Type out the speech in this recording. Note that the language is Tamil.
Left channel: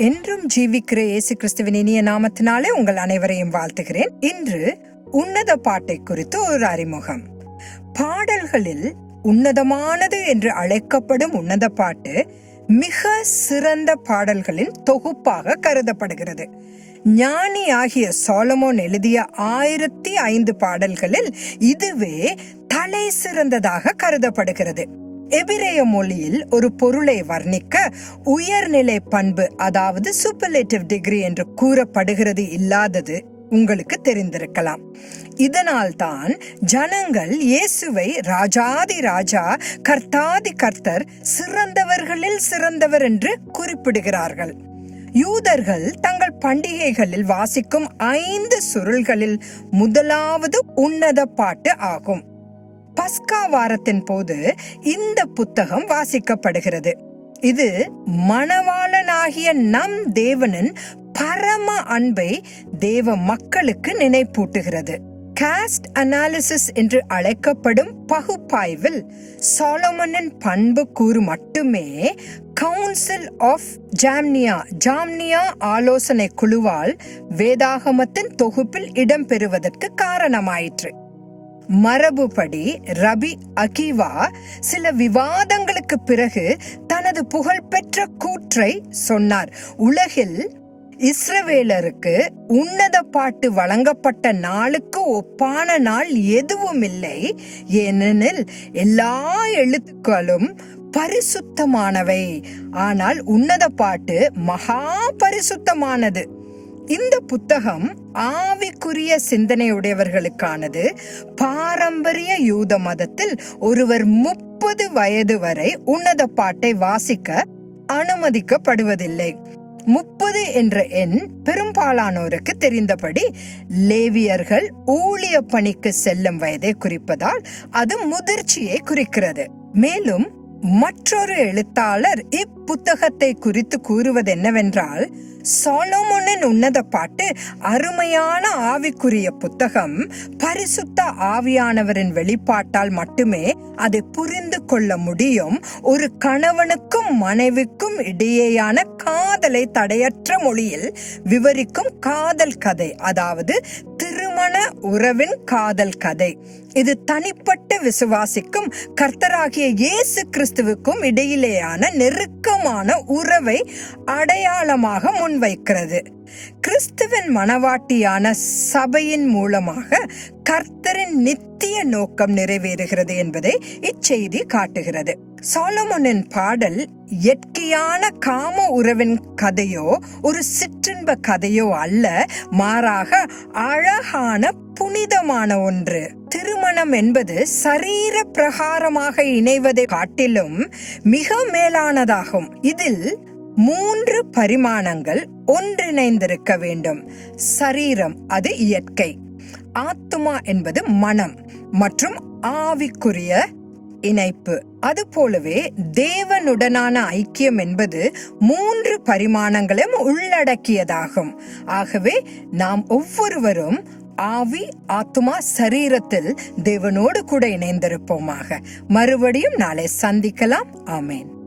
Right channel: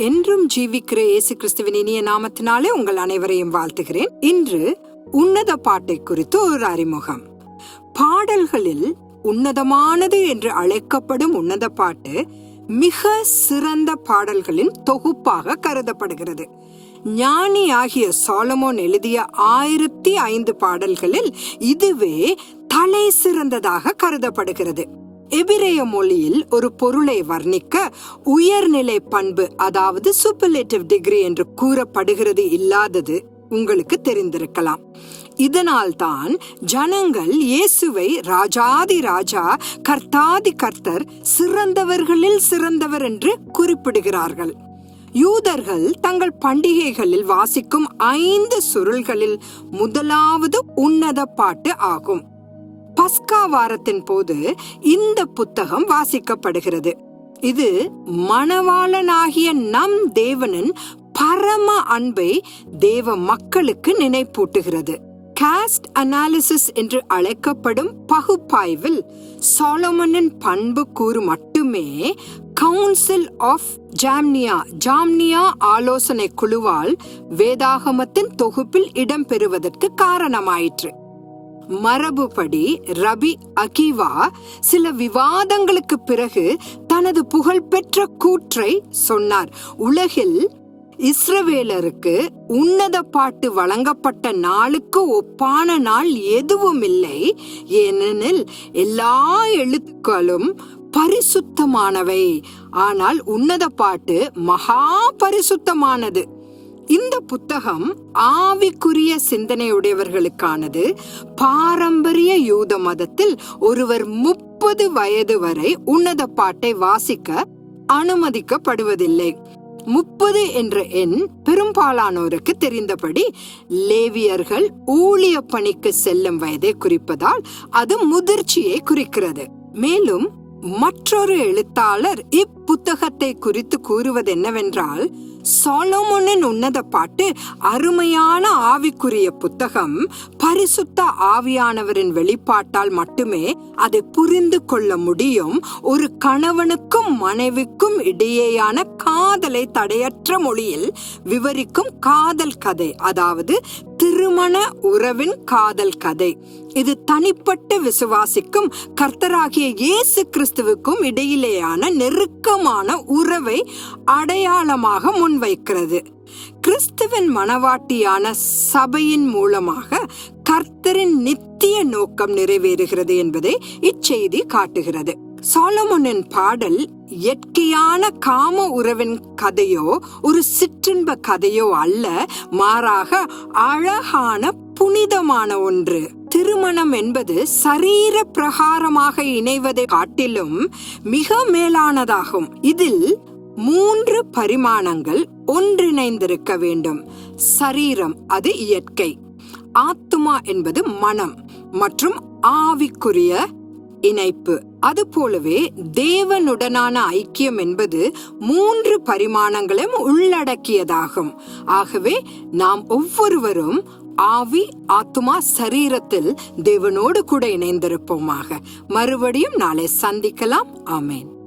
என்றும் ஜீவிக்கிற இயேசு கிறிஸ்துவின் இனிய நாமத்தினாலே உங்கள் அனைவரையும் வாழ்த்துகிறேன். இன்று உன்னத பாட்டை குறித்து ஒரு அறிமுகம். பாடல்களில் உன்னதமானது என்று அழைக்கப்படும் உன்னத பாட்டு மிக சிறந்த பாடல்களின் தொகுப்பாக கருதப்படுகிறது. ஞானி ஆகிய சோலமோன் எழுதிய ஆயிரத்தி ஐந்து பாடல்களில் இதுவே தலை சிறந்ததாக கருதப்படுகிறது. எபிரேய மொழியில் ஒரு பொருளை வர்ணிக்க உயர்நிலை பண்பு அதாவது சூப்பர்லேட்டிவ் டிகிரி என்று கூறப்படுகிறது இல்லாதது உங்களுக்கு தெரிந்திருக்கலாம். இதனால்தான் ஜனங்கள் இயேசுவை ராஜாதி ராஜா கர்த்தாதி கர்த்தர் சிறந்தவர்களில் சிறந்தவர் என்று குறிப்பிடுகிறார்கள். யூதர்கள் தங்கள் பண்டிகைகளில் வாசிக்கும் ஐந்து சுருள்களில் முதலாவது உன்னத பாட்டு ஆகும். பஸ்கா வாரத்தின் போது இந்த புத்தகம் வாசிக்கப்படுகிறது. இது மணவாளனாகிய நம் தேவனின் பரம அன்பை தேவ மக்களுக்கு நினைப்பூட்டுகிறது. காஸ்ட் அனாலிசிஸ் என்று அழைக்கப்படும் பகுப்பாய்வில் சாலமனின் பண்பு கூறு மட்டுமே கவுன்சில் ஆஃப் ஜாம்னியா ஜாம்னியா ஆலோசனை குழுவால் வேதாகமத்தின் தொகுப்பில் இடம்பெறுவதற்கு காரணமாயிற்று. மரபுபடி ரபி அகிவா சில விவாதங்களுக்கு பிறகு தனது புகழ்பெற்ற கூற்றை சொன்னார். உலகில் இஸ்ரவேலருக்கு உன்னத பாட்டு வழங்கப்பட்ட நாளுக்கு ஒப்பான நாள் எதுவும் இல்லை ஏனெனில் எல்லா எழுத்துக்களும் பரிசுத்தமானவை. ஆனால் உன்னத பாட்டு மகா பரிசுத்தமானது. இந்த புத்தகம் ஆவிக்குரிய சிந்தனையுடையவர்களுக்கானது. பாரம்பரிய யூத மதத்தில் ஒருவர் முப்பது வயது வரை உன்னத பாட்டை வாசிக்க அனுமதிக்கப்படுவதில்லை. முப்பது என்ற எண் பெரும்பாலானோருக்கு தெரிந்தபடி லேவியர்கள் ஊழிய பணிக்கு செல்லும் வயதை குறிப்பதால் அது முதிர்ச்சியை குறிக்கிறது. மேலும் மற்றொரு எழுத்தாளர் இப்புத்தகத்தை குறித்து கூறுவது என்னவென்றால் சாலோமோனின் உன்னத பாட்டு அருமையான ஆவிக்குரிய புத்தகம். பரிசுத்த ஆவியானவரின் வெளிப்பாட்டால் மட்டுமே அதை புரிந்து கொள்ள முடியும். ஒரு கணவனுக்கும் மனைவிக்கும் இடையேயான காதலை தடையற்ற மொழியில் விவரிக்கும் காதல் கதை. அதாவது திருமண உறவின் காதல் கதை. இது தனிப்பட்ட விசுவாசிக்கும் கர்த்தராகிய இயேசு கிறிஸ்துவுக்கும் இடையிலேயான நெருக்கமான உறவை அடையாளமாக முன்வைக்கிறது கிறிஸ்துவின் மனவாட்டியான சபையின் மூலமாக கர்த்தரின் நித்திய நோக்கம் நிறைவேறுகிறது என்பதை இச்செய்தி காட்டுகிறது. சாலமோனின் பாடல் இயற்கையான காம உறவின் கதையோ ஒரு சிற்றின்ப கதையோ அல்ல மாறாக அழகான புனிதமான ஒன்று. திருமணம் என்பது சரீர பிரகாரமாக இணைவதை காட்டிலும் மிக மேலானதாகும். இதில் மூன்று பரிமாணங்கள் ஒன்றிணைந்திருக்க வேண்டும். சரீரம் அது இயற்கை. ஆத்துமா என்பது மனம் மற்றும் ஆவிக்குரிய இணைப்பு. அது போலவே தேவனுடனான ஐக்கியம் என்பது மூன்று பரிமாணங்களையும் உள்ளடக்கியதாகும். ஆகவே நாம் ஒவ்வொருவரும் ஆவி ஆத்துமா சரீரத்தில் தேவனோடு கூட இணைந்திருப்போமாக. மறுபடியும் நாளை சந்திக்கலாம். ஆமேன்.